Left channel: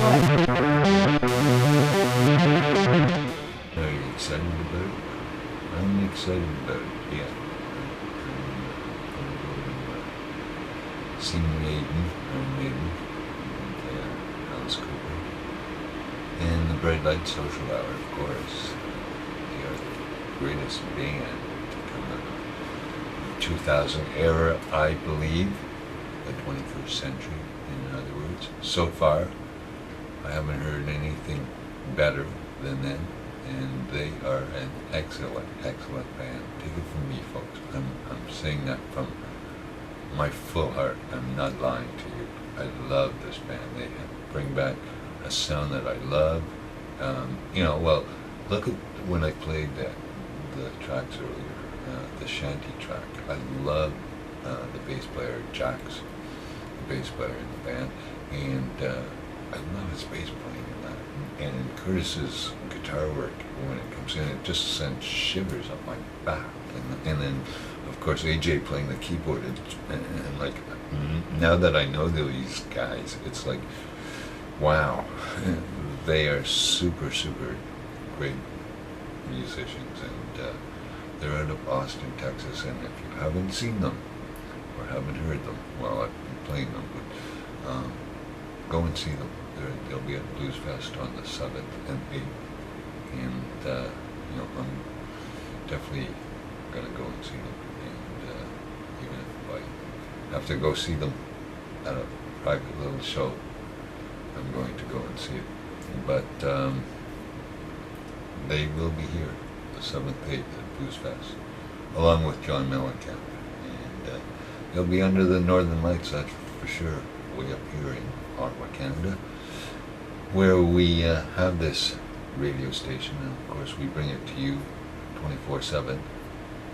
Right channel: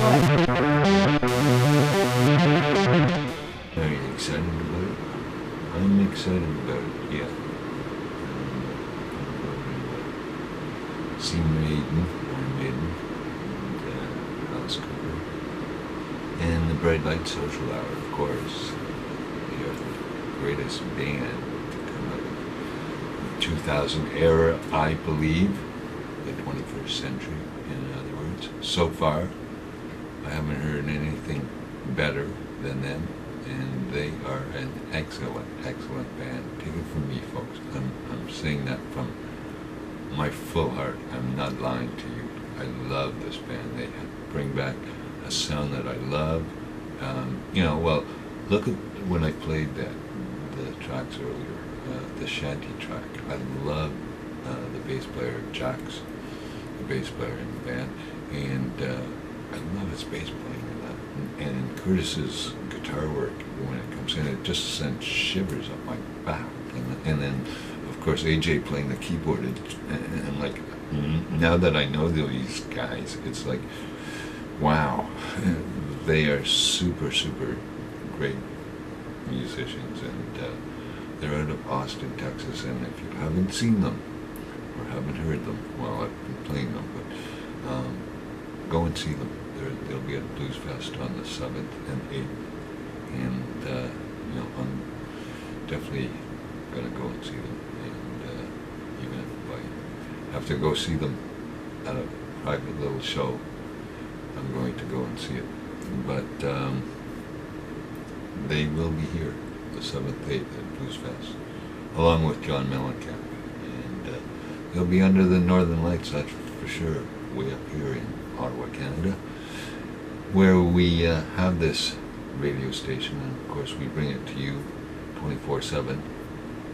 Are you excited about it? I'm excited about it, yeah. I'm going to go see Maiden, Iron Maiden, and Alice Cooper. And the Bright Light Social Hour, of course. They are the greatest band to come out of the 2000 era, I believe. The 21st century, in other words. So far, I haven't heard anything better than them, and they are an excellent, excellent band. Take it from me, folks. I'm saying that from my full heart. I'm not lying to you. I love this band. They bring back a sound that I love. Well, look at when I played the tracks earlier, the shanty track. I love the bass player, Jax, the bass player in the band, and I love his bass playing in that. And Curtis's guitar work, when it comes in, it just sends shivers up my back. And then, of course, AJ playing the keyboard. And like, now that I know these guys, it's like, wow, they are super, super great musicians. And they're out of Austin, Texas. And if you haven't seen them, or haven't heard them, well, I've been playing them, but go and see them. They'll be at Blues Fest on the 7th and 8th, and I'm definitely gonna go and see them. And even if I have to go see them at a private little show, I'm going to go and see it. But they will be here the 7th, 8th at Blues Fest, along with John Mellencamp. They'll be under the Northern Lights, that's for sure, way up here in Ottawa, Canada, where we have this radio station, and of course we bring it to you 24/7,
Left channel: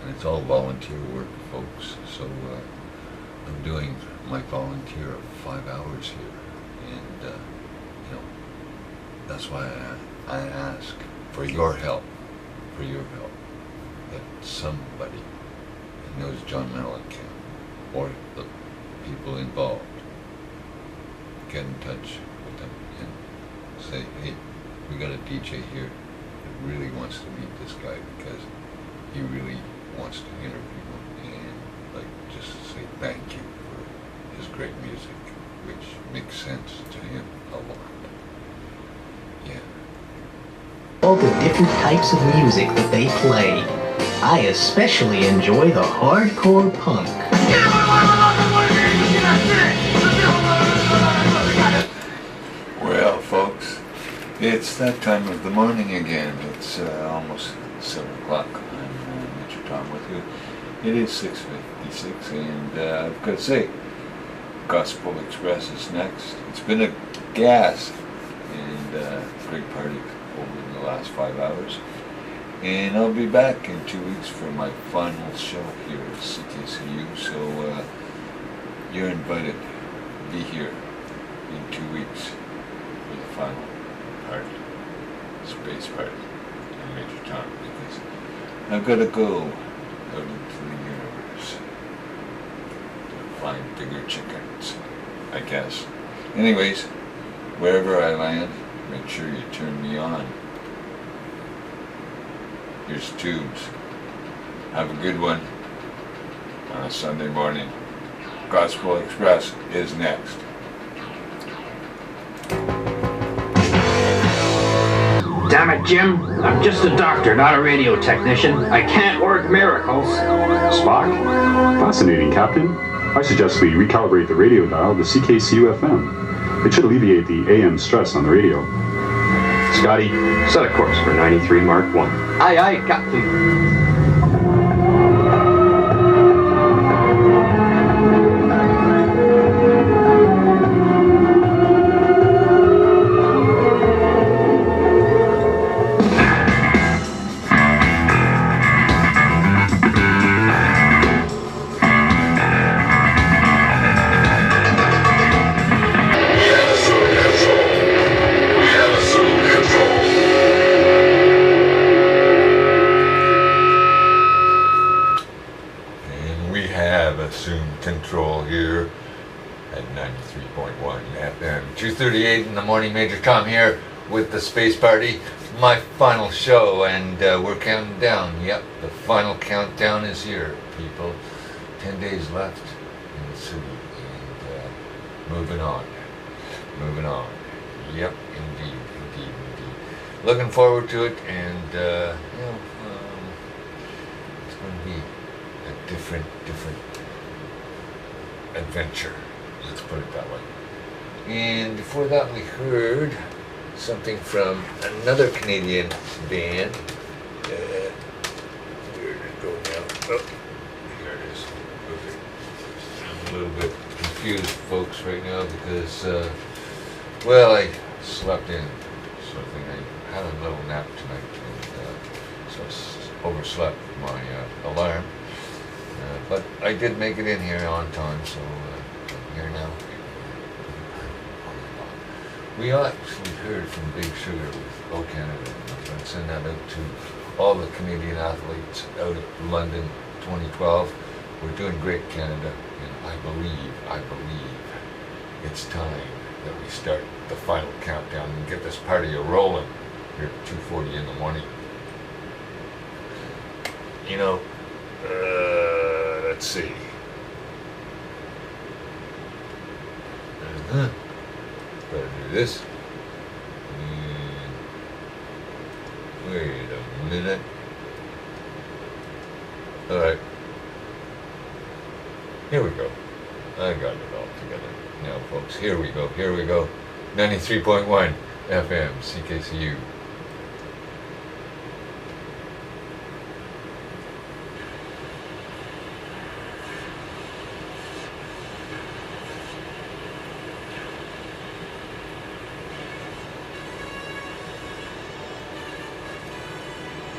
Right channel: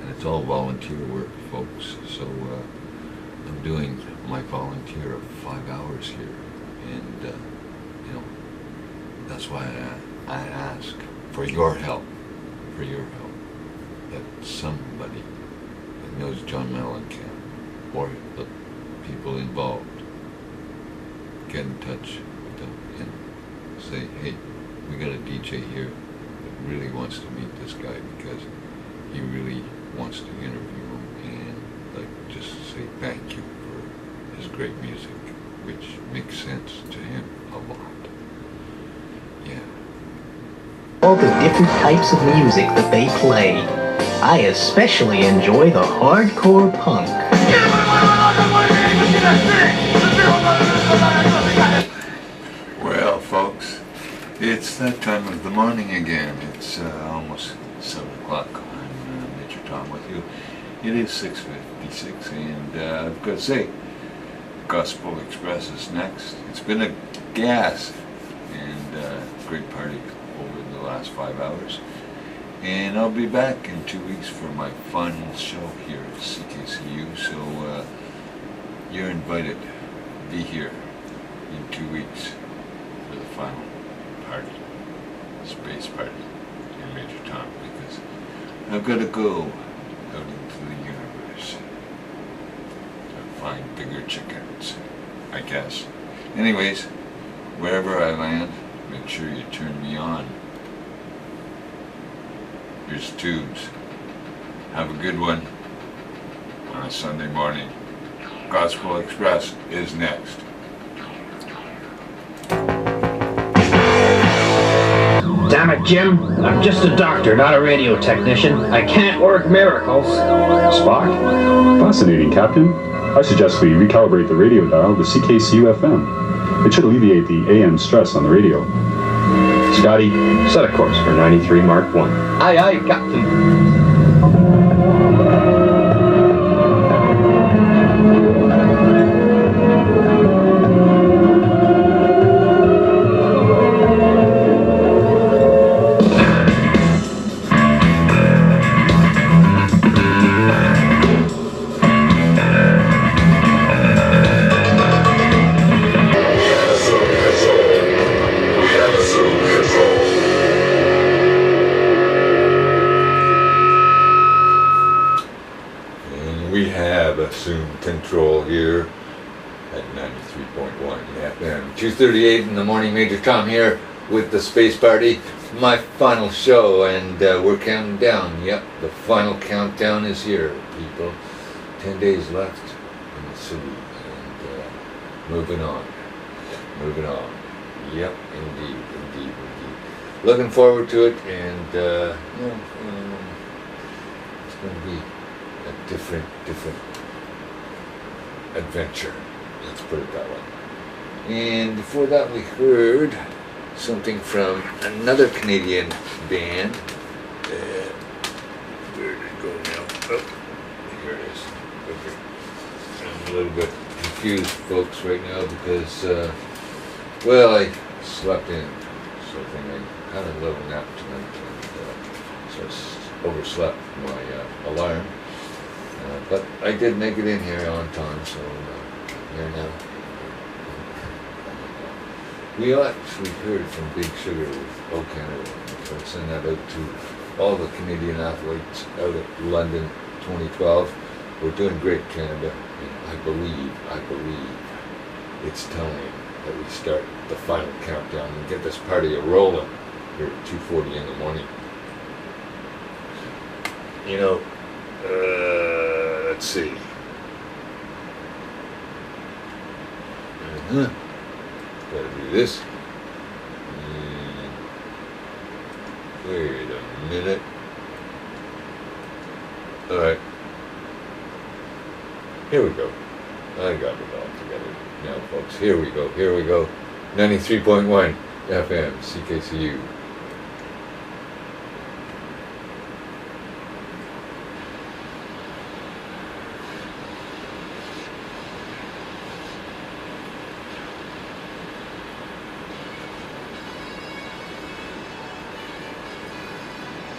and it's all volunteer work, folks. So I'm doing my volunteer of 5 hours here, and that's why I ask for your help, that somebody that knows John Mellencamp, or the people involved, get in touch with them and say, hey, we got a DJ here that really wants to meet this guy because he really wants to interview him, and just say thank you for his great music, which makes sense to him a lot. Yeah. All the different types of music that they played. I especially enjoy the hardcore punk. Well, folks, it's that time of the morning again. It's almost 7 o'clock. I'm Major Tom with you. It is 6:56, and I've got to say, Gospel Express is next. It's been a gas and great party over the last 5 hours. And I'll be back in 2 weeks for my final show here at CKCU, so you're invited to be here in 2 weeks for the final party, space party in Major Tom, because I've got to go out into the universe to find bigger chickens, I guess. Anyways, wherever I land, make sure you turn me on. Here's Tubes. Have a good one on a Sunday morning. Gospel Express is next. Damn it, Jim. I'm just a doctor, not a radio technician. I can't work miracles. Spock? Fascinating, Captain. I suggest we recalibrate the radio dial to CKCU FM. It should alleviate the AM stress on the radio. Scotty, set a course for 93 Mark 1. Aye, aye, Captain. 93.1 FM. 2:38 in the morning. Major Tom here with the Space Party. My final show, and we're counting down. Yep, the final countdown is here, people. 10 days left in the city, and moving on. Moving on. Yep, indeed. Looking forward to it, and it's going to be a different adventure. Let's put it that way. And before that, we heard something from another Canadian band. Where did it go now? Oh, here it is. Okay. I'm a little bit confused, folks, right now because, I slept in. So I think I had a little nap tonight, and so I overslept my alarm. But I did make it in here on time, so I'm here now. We actually heard from Big Sugar with O Canada, and I'll send that out to all the Canadian athletes out at London 2012. We're doing great, Canada, and I believe it's time that we start the final countdown and get this party a-rolling here at 2:40 in the morning. Let's see. Gotta do this. And wait a minute. Alright. Here we go. I got it all together now, folks. Here we go. 93.1 FM, CKCU.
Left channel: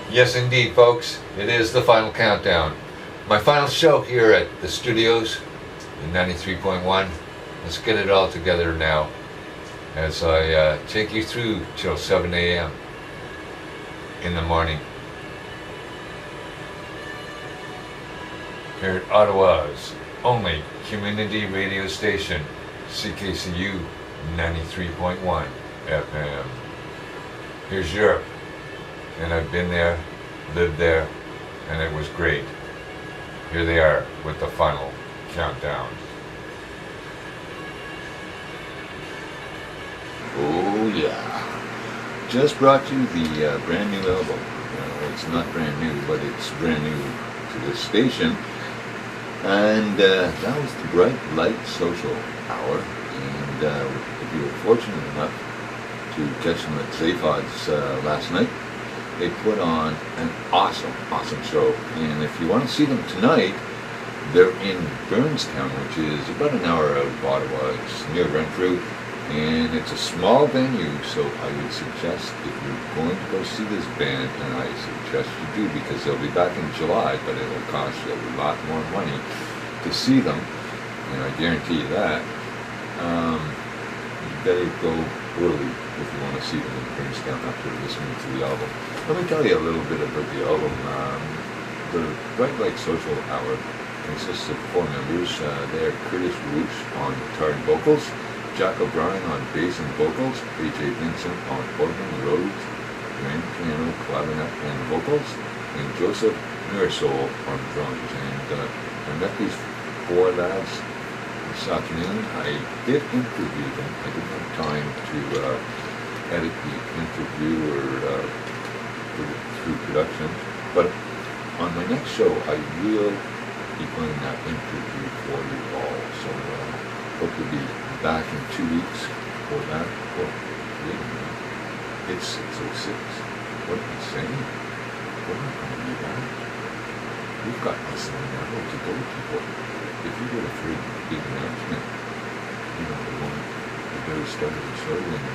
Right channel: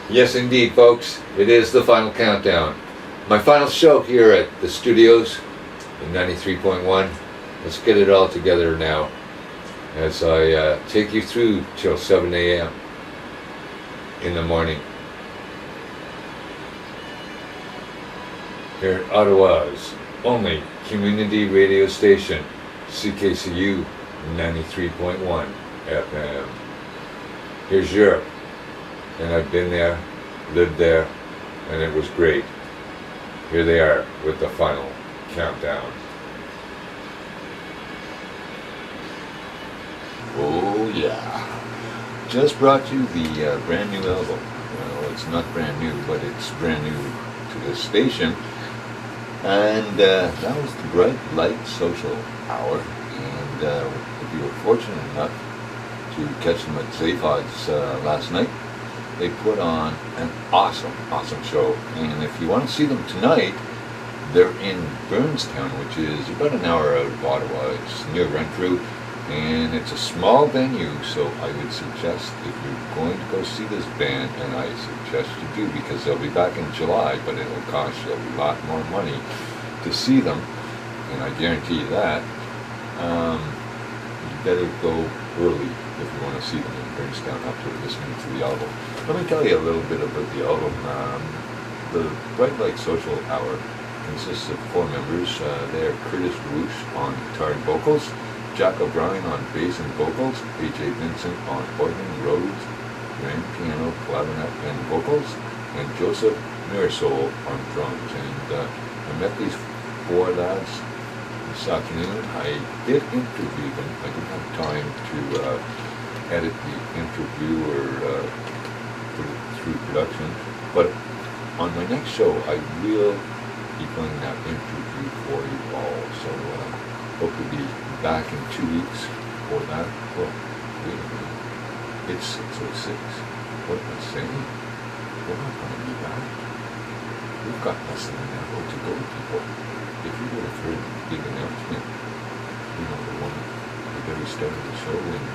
Yes, indeed, folks. It is the final countdown. My final show here at the studios in 93.1. Let's get it all together now as I take you through till 7 a.m. in the morning. Here at Ottawa's only community radio station, CKCU 93.1 FM. Here's Europe. And I've been there, lived there, and it was great. Here they are with the final countdown. Oh yeah. Just brought you the brand new album. Well, it's not brand new, but it's brand new to the station. And that was the Bright Light Social Hour. And if you were fortunate enough to catch them at Zaphod's last night, they put on an awesome show. And if you want to see them tonight, they're in Burnstown, which is about an hour out of Ottawa. It's near Renfrew, and it's a small venue, so I would suggest if you're going to go see this band, and I suggest you do, because they'll be back in July, but it'll cost you a lot more money to see them, and I guarantee you that. You better go early if you want to see them in Burnstown after listening to the album. Let me tell you a little bit about the album. The Bright Light Social Hour consists of 4 members. They are Curtis Roosh on guitar and vocals, Jack O'Brien on bass and vocals, A.J. Vincent on organ, Rhodes, grand piano, clarinet, and vocals, and Joseph Nursol on drums. And I met these 4 lads this afternoon. I did interview them. I didn't have time to edit the interview or put it through production, but on my next show I will be playing that interview for you all. So hope to be back in 2 weeks for that. Oh, wait a minute. It's 6:06. What am I saying? We're not going to be back. We've got less than an hour to go, people. If you would have heard the big announcement, the one at the very start of the show, and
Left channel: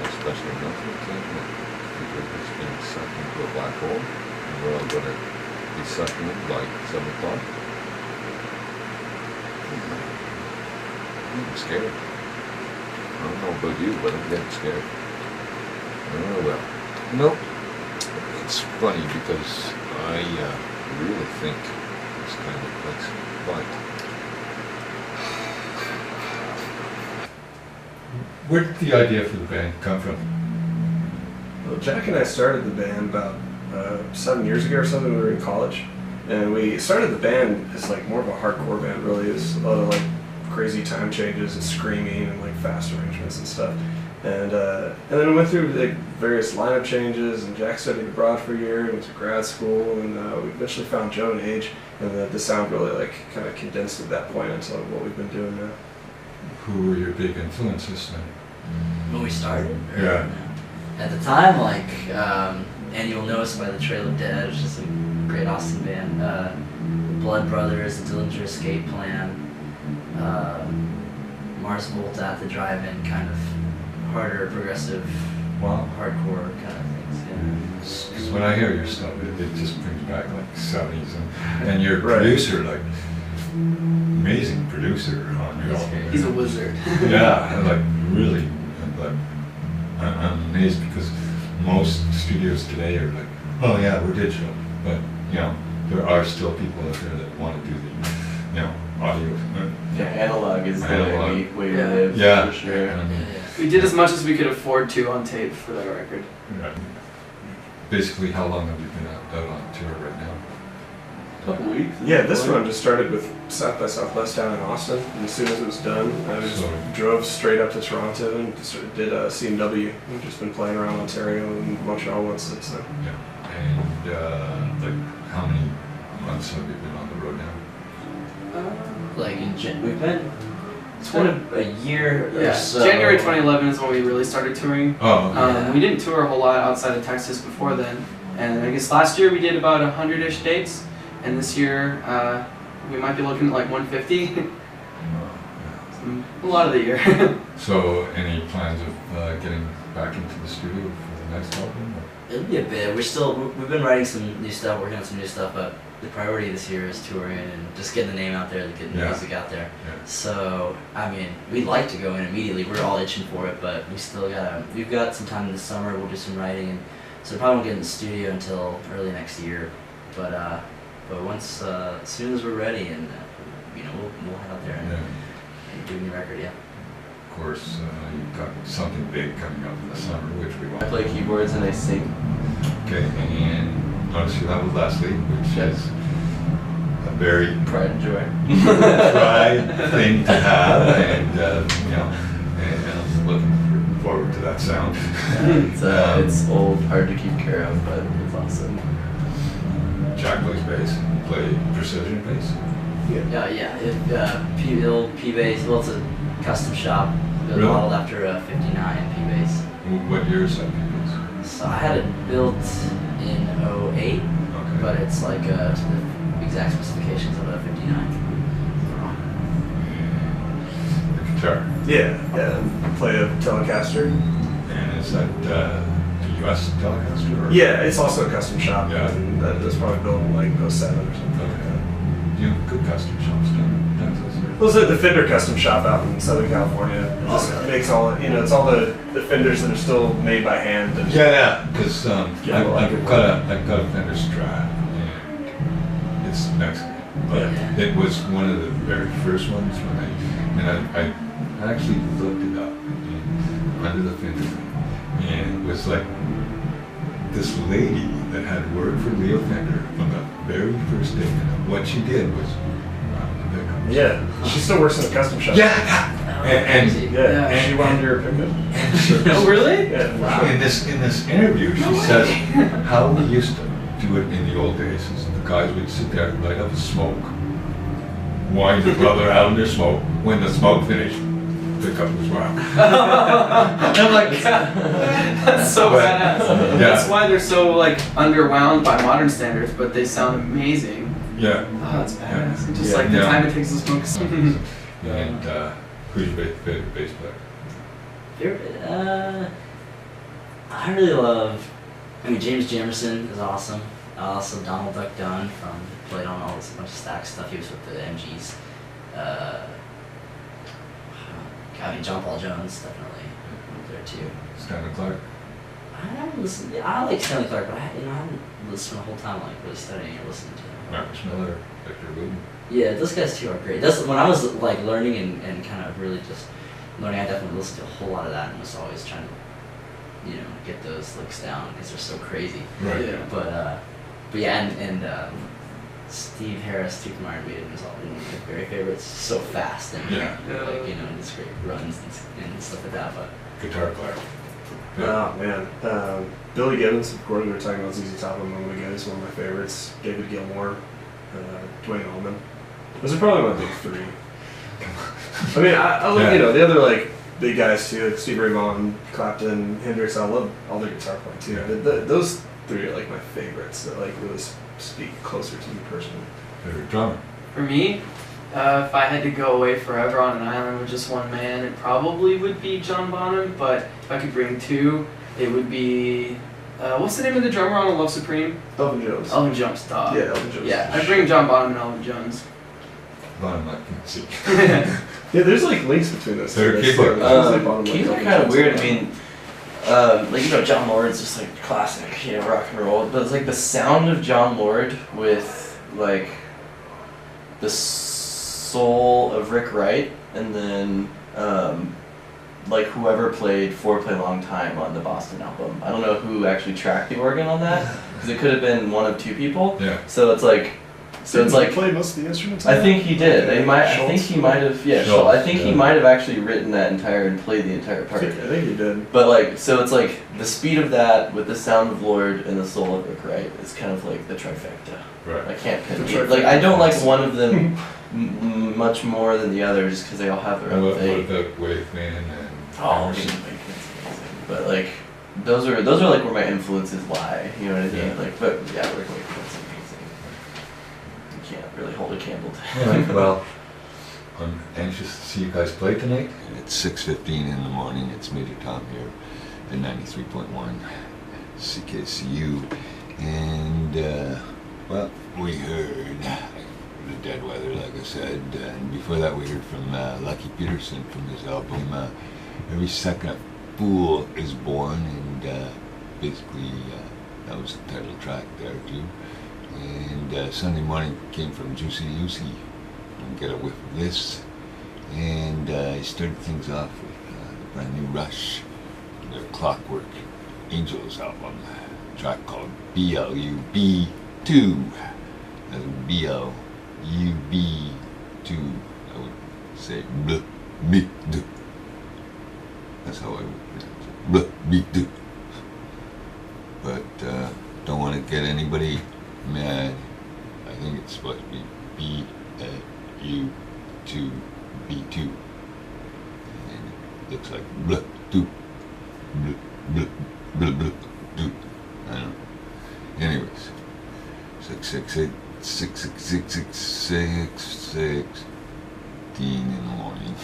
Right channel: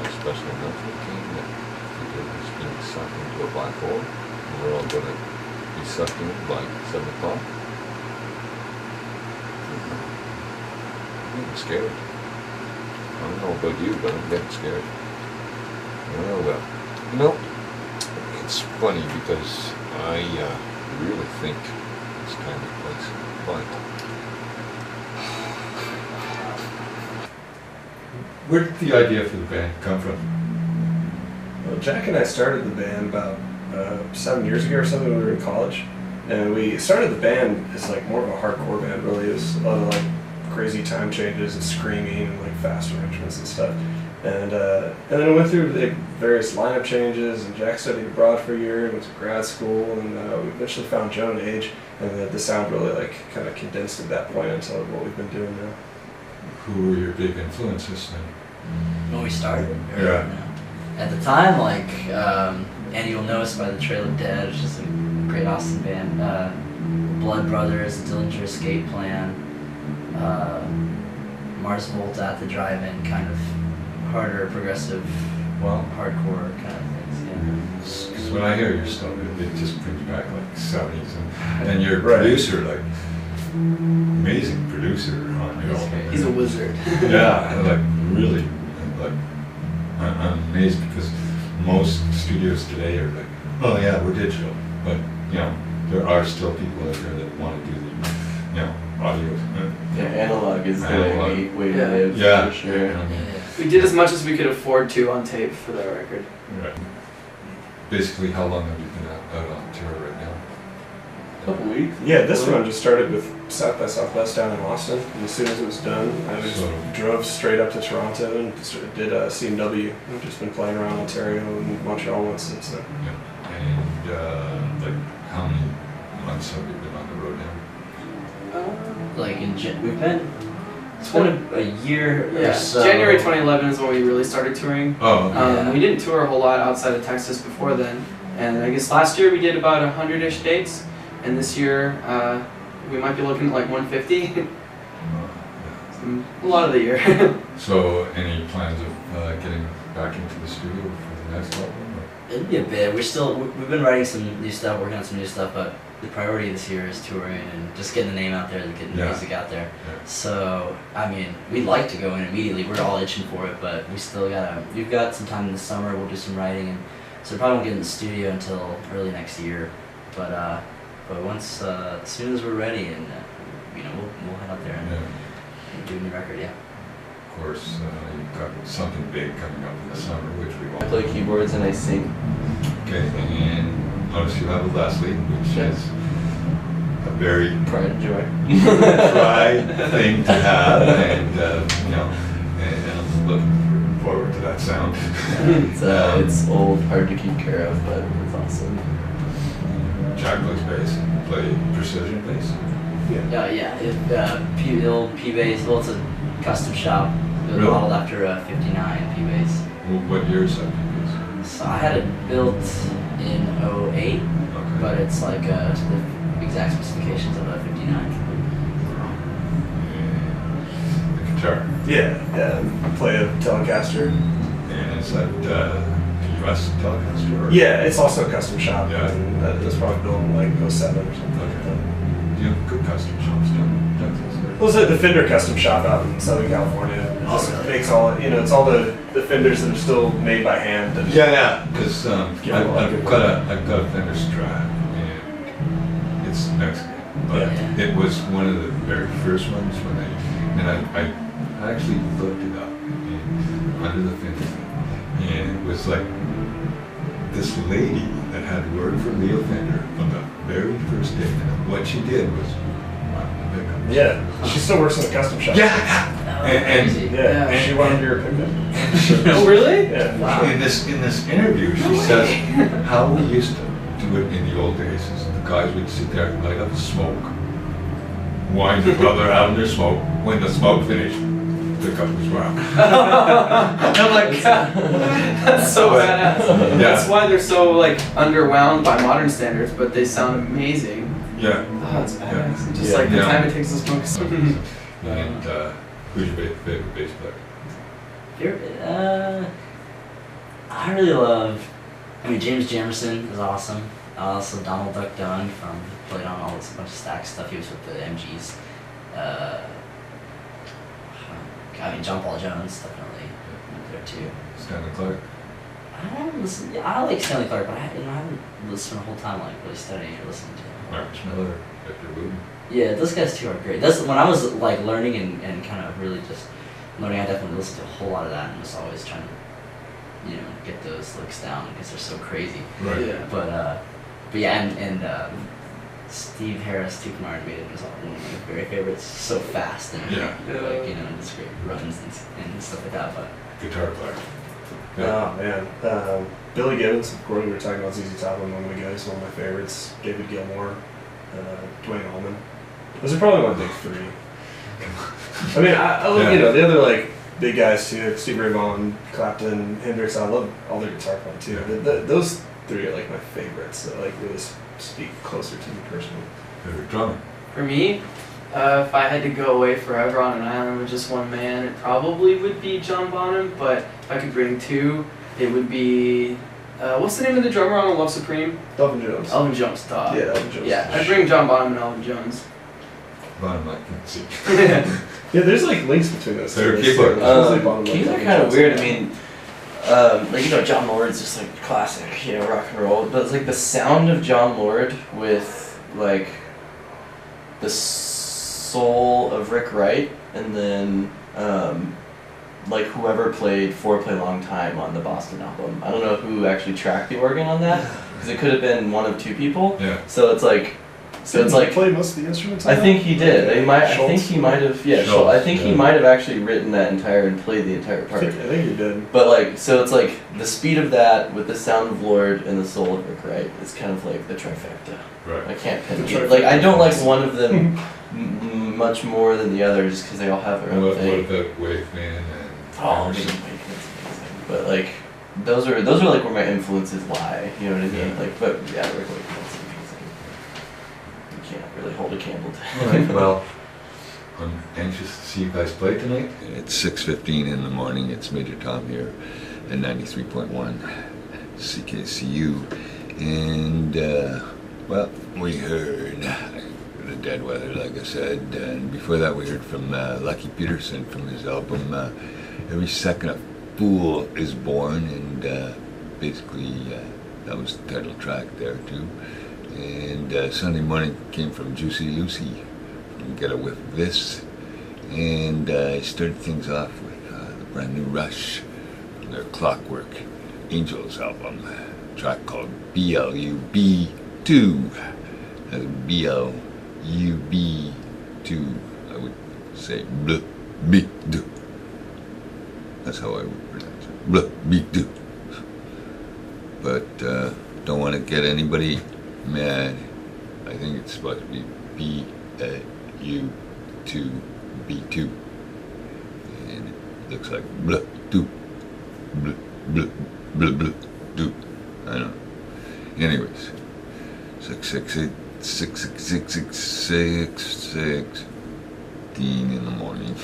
a special announcement came that the Earth is being sucked into a black hole, and we're all going to be sucked in by 7 o'clock. I'm getting scared. I don't know about you, but I'm getting scared. Oh well. It's funny because I really think this kind of place, but Where did the idea for the band come from? Well, Jack and I started the band about 7 years ago or something when we were in college. And we started the band as like more of a hardcore band, really. It was a lot of like crazy time changes and screaming and like fast arrangements and stuff. And then we went through like various lineup changes, and Jack studied abroad for a year, went to grad school, and we eventually found Joe and Age, and the sound really like kind of condensed at that point into what we've been doing now. Who were your big influences then? When we started? Yeah. At the time, like, and you'll notice by the Trail of Dead, it's just a great Austin band. Blood Brothers, Dillinger Escape Plan, Mars Volta at the Drive-In, kind of harder, progressive, Wow. hardcore kind of things. Yeah. Because when I hear your stuff, it just brings back like 70s, and you're a Right. producer, like amazing producer on your album. He's a wizard. Yeah, like really, like I'm amazed because most studios today are like, oh yeah, we're digital, but you know there are still people out there that want to do the, you know, audio. Yeah, analog is Analog. the way Yeah. to live, Yeah. for sure. Yeah. We did as much as we could afford to on tape for that record. Right. Basically, how long have you been out on tour right now? Couple weeks. Yeah, this run just started with South by Southwest down in Austin, and as soon as it was done, I just So- drove straight up to Toronto and did CMW. We've just been playing around Ontario and Montreal once since then. Yeah. And like, how many months have you been on the road now? Like, we've been, it's been a year or Yeah, so. January 2011 is when we really started touring. Oh, okay. Yeah. We didn't tour a whole lot outside of Texas before then, and I guess last year we did about 100-ish dates, and this year we might be looking at like 150. A lot of the year. So, any plans of getting back into the studio for the next album? Or? It'll be a bit. We've been writing some new stuff, working on some new stuff, but the priority this year is touring and just getting the name out there, getting the Yeah. music out there. Yeah. So, I mean, we'd like to go in immediately. We're all itching for it, but we've got some time in the summer. We'll do some writing, and so we probably won't get in the studio until early next year. But once, as soon as we're ready, and we'll head out there and do a new record. Yeah. Of course, you've got something big coming up in the summer, which we I want. play keyboards and I sing. Okay, and notice you have a Leslie, which Yes. is a very Pride and joy. tried thing to have, and and I'm looking forward to that sound. It's old, hard to keep care of, but it's awesome. Jack plays bass, you play precision bass. The old P-Bass. Well, it's a custom shop. It was Really? modeled after a '59 P-Bass. What year is that bass? So I had it built in '08, Okay. but it's like the exact specifications of a '59. And the guitar. I play a Telecaster. And is that a US Telecaster? Or? Yeah, it's also a custom shop. Yeah. And that was probably built in like '07 or something like that. You have good custom shops down in Texas. Well, it's the Fender custom shop out in Southern California. It just makes it's all the Fenders that are still made by hand. And Yeah, because Yeah, well, I've got a Fender Strat, and it's Mexican, but Yeah. it was one of the very first ones when I actually looked it up under the Fender, and it was like this lady that had worked for Leo Fender from the very first day, and what she did was yeah, she still works in a custom shop. and Yeah, Yeah. she wanted your pickup. Oh, really? Yeah. in this interview, she says how we used to do it in the old days is the guys would sit there, light up a smoke, wind the brother out in their smoke. When the smoke finished, pick up his rock. I'm like, That's so But- badass. Yeah. That's why they're so like underwound by modern standards, but they sound amazing. Yeah. Oh, it's badass. Just Yeah. like the Yeah. time it takes to smoke. And who's your favorite bass player? I really love. James Jamerson is awesome. Also Donald Duck Dunn played on all this bunch of stack stuff. He was with the MGs. John Paul Jones definitely there too. Stanley Clark. I haven't listened. Yeah, I like Stanley Clark, but I haven't listened the whole time like really studying or listening to him. Marcus Miller. Victor Wooten. Yeah, those guys too are great. That's when I was like learning and kind of really just learning, I definitely listened to a whole lot of that and was always trying to, you know, get those licks down because they're so crazy. Right. Yeah. But yeah, and Steve Harris, Too Martin made it was one of my very favorites. So fast and Yeah. like, you know, and just great runs and stuff like that. But Guitar player. Oh man, Billy Gibbons. Of course, we were talking about ZZ Top a moment ago. He's one of my favorites. David Gilmour, Dwayne Allman. Those are probably my big three. I mean, I love, you know, the other like big guys too, like Stevie Ray Vaughan, Clapton, Hendrix. I love all their guitar playing too. Those three are like my favorites that like really speak closer to me personally. Favorite drummer. For me, if I had to go away forever on an island with just one man, it probably would be John Bonham. But if I could bring two, it would be what's the name of the drummer on Love Supreme? Elvin Jones. Elvin Jones. Dog. Yeah, Elvin Jones. Yeah, I'd bring John Bonham and Elvin Jones. Bonham, I can see. Yeah, there's like links between those They're two. keyboard. Keys are kind of weird. I mean, like, you know, John Lord's just like classic, you know, rock and roll. But it's like the sound of John Lord with like the soul of Rick Wright, and then like whoever played Foreplay Long Time on the Boston album. I don't know who actually tracked the organ on that, because it could have been one of two people. Yeah. So it's like. So it's like, play most of the instruments. I think he did. Okay. I think he might have. Yeah, Schultz, I think he yeah. might have actually written that entire and played the entire I part. think he did. But like, so it's like the speed of that with the sound of Lord and the soul of Rick Wright is kind of like the trifecta. Right. I can't pin The it. Like, I trifecta. don't like one of them much more than the other, just because they all have their own What thing. about Waveman and Oh, Emerson? Awakening's amazing. But like, those are like where my influences lie. You know what I mean? Yeah. Like, but yeah, Rick Awakening's amazing. You can't really hold a candle to. All right, well, I'm anxious to see you guys play tonight. It's 6:15 in the morning. It's Major Tom here at 93.1 CKCU. And, well, we heard the Dead Weather, like I said. And before that, we heard from Lucky Peterson from his album Every Second a Fool is Born. And basically, that was the title track there, too. And Sunday Morning came from Juicy Lucy, from Get a Whiff of This. And I started things off with the brand new Rush from their Clockwork Angels album, a track called BLUB2. That's BLUB2. I would say BLUB2. That's how I would pronounce it. BLUB2. But don't want to get anybody mad. I think it's supposed to be BLU2B2. And it looks like blah do blah blah blah blah do. I don't know. Anyways, 6:16 in the morning.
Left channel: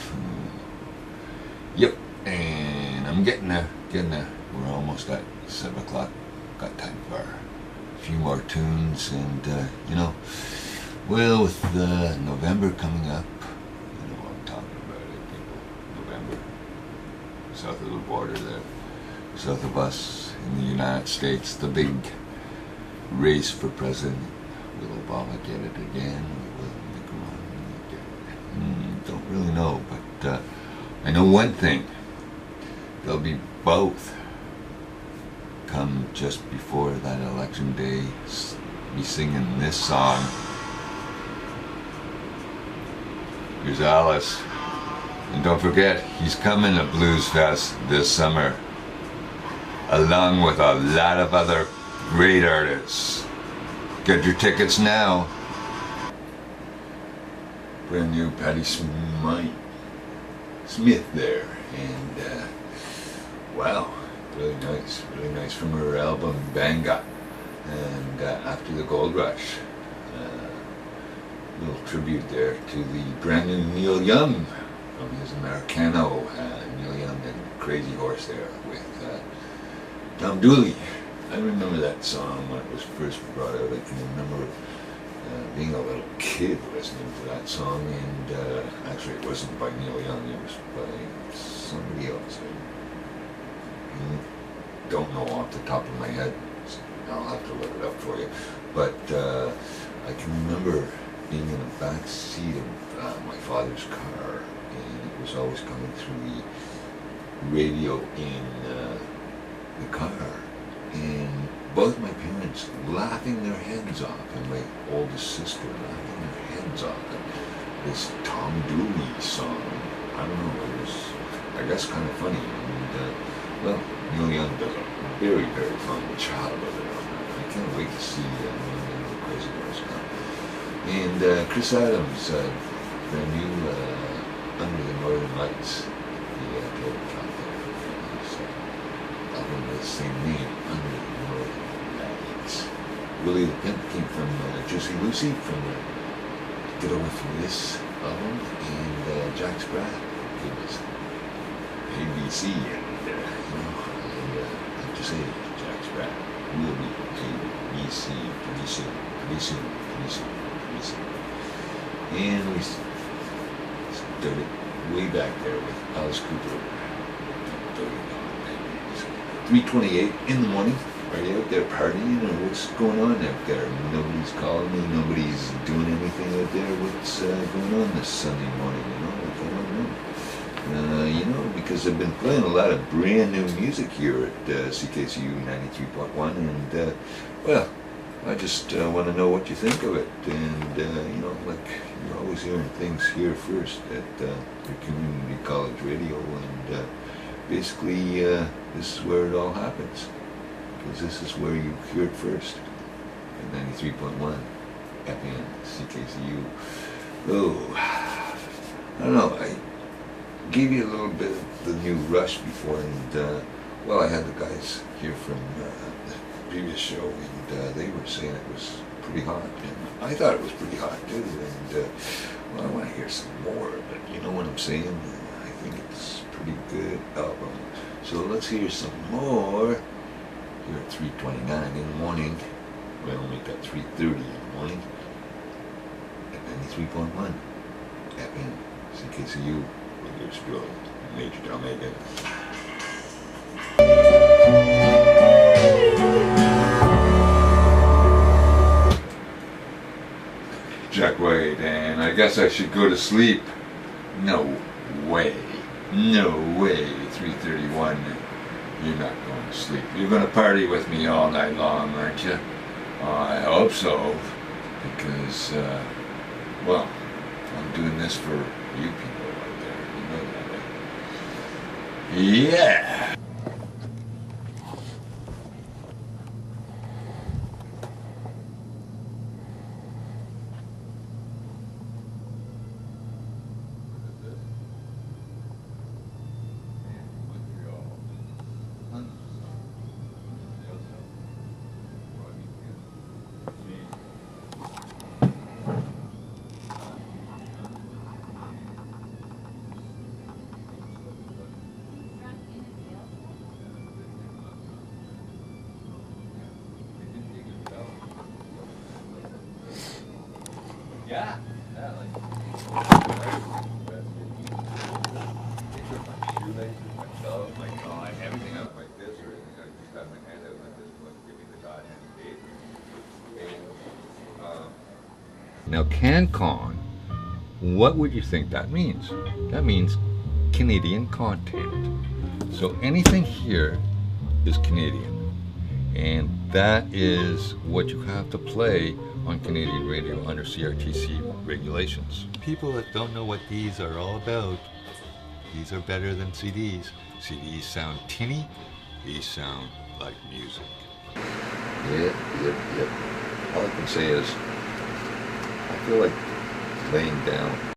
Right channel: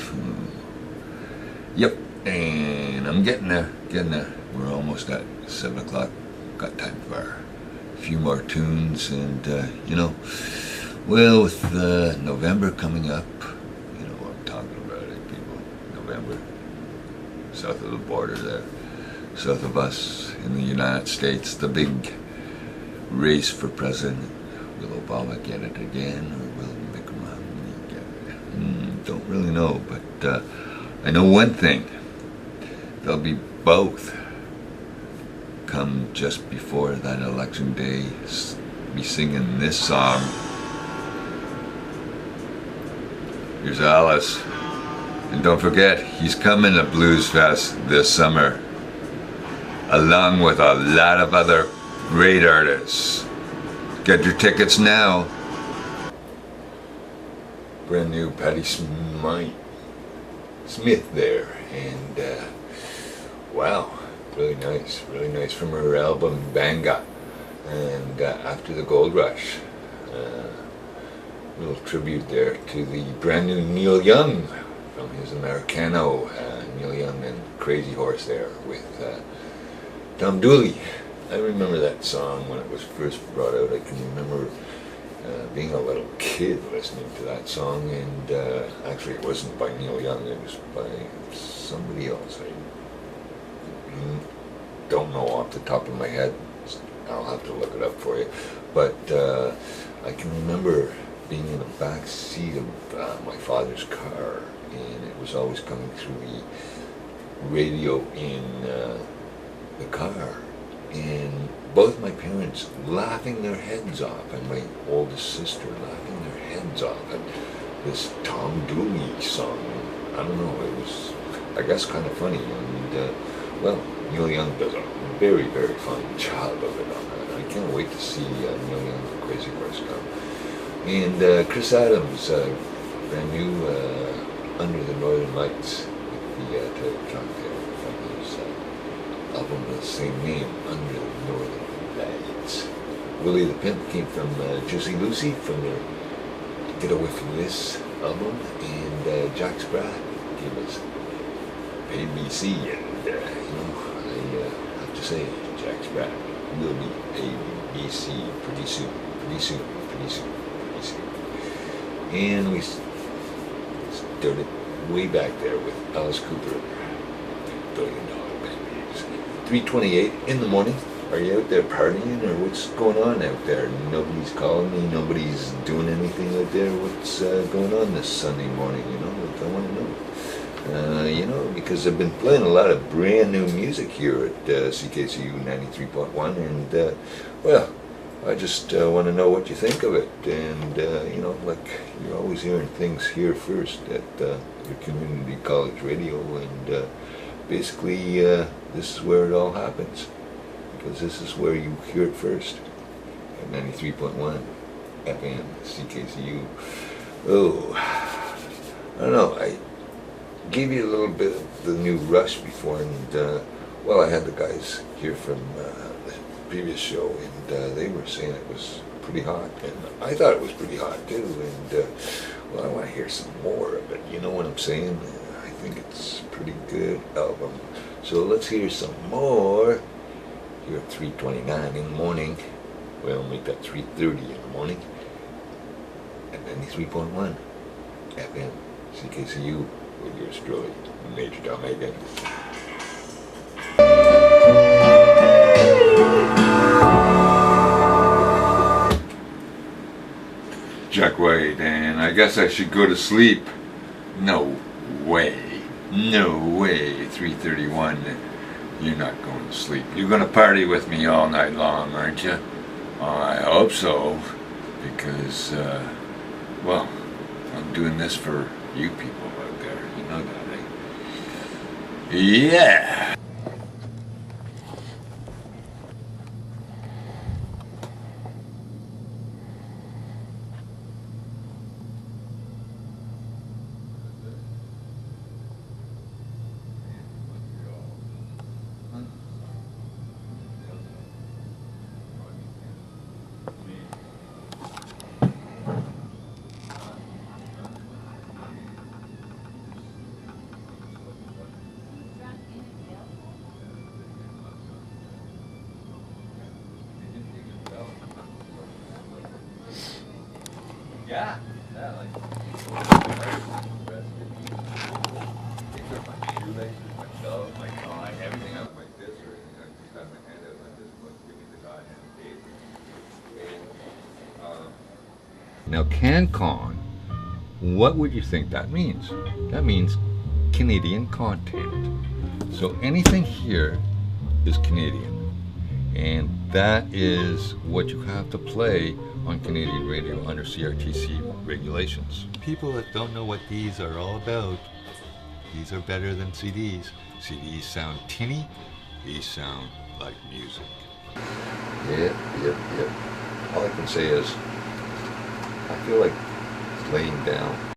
Yep, and I'm getting there. We're almost at 7 o'clock. Got time for a few more tunes, and you know, well, with November coming up, you know what I'm talking about, people. November, south of the border there, south of us in the United States, the big race for president. Will Obama get it again, or will Mitt Romney get it? Don't really know, but I know one thing. They'll be both come just before that election day, be singing this song. Here's Alice. And don't forget, he's coming to Blues Fest this summer, along with a lot of other great artists. Get your tickets now. Brand new Patti Smith there, and wow, really nice from her album Banga, and After the Gold Rush. Little tribute there to the brand new Neil Young from his Americano. Neil Young and Crazy Horse there with Tom Dooley. I remember that song when it was first brought out. I can remember being a little kid listening to that song, and actually it wasn't by Neil Young, it was by somebody else. I don't know off the top of my head. I'll have to look it up for you. But I can remember being in the back seat of my father's car and it was always coming through the radio in the car, and both my parents laughing their heads off, and my oldest sister laughing their heads off at this Tom Dooley song. I don't know, it was, I guess, kind of funny, and well, Neil Young does a very, very fine job of it on that. I can't wait to see Neil Young, The Crazy Horse come. And Chris Adams, brand new Under the Northern Lights, the title track there from his album with the same name, Under the Northern Lights. Willie the Pimp came from Juicy Lucy from the Get Away From This album, and Jack Sprat gave us ABC, and I have to say, Jack Sprat will be ABC pretty soon. And we started way back there with Alice Cooper, $1 billion babies. 3:28 in the morning. Are you out there partying, or what's going on out there? Nobody's calling me, nobody's doing anything out there. What's going on this Sunday morning, Like, I want to know. Because I've been playing a lot of brand new music here at CKCU 93.1, and, well, I just want to know what you think of it. And, like, you're always hearing things here first at your community college radio, and basically this is where it all happens, because this is where you hear it first at 93.1 FM CKCU. Oh, I don't know, I gave you a little bit of the new Rush before, and well, I had the guys here from the previous show, and they were saying it was pretty hot, and I thought it was pretty hot too, and well, I want to hear some more of it, you know what I'm saying? I think it's a pretty good album, so let's hear some more here at 3:29 in the morning. Well, make that 3:30 in the morning at 93.1 FM CKCU with yours truly, Major Tom Hagen. Jack Wade, and I guess I should go to sleep. No way. No way. 3:31. You're not going to sleep. You're going to party with me all night long, aren't you? I hope so. Because, well, I'm doing this for you people out there. You know that, eh? Yeah! Yeah, like my shoelaces, my belt, my tie, everything else like this, or anything. I just got my hand out like this, but give me the goddamn date. Now, CanCon, what would you think that means? That means Canadian content. So anything here is Canadian. And that is what you have to play on Canadian radio under CRTC regulations. People that don't know what these are all about, these are better than CDs. CDs sound tinny, these sound like music. Yep. All I can say is, I feel like laying down.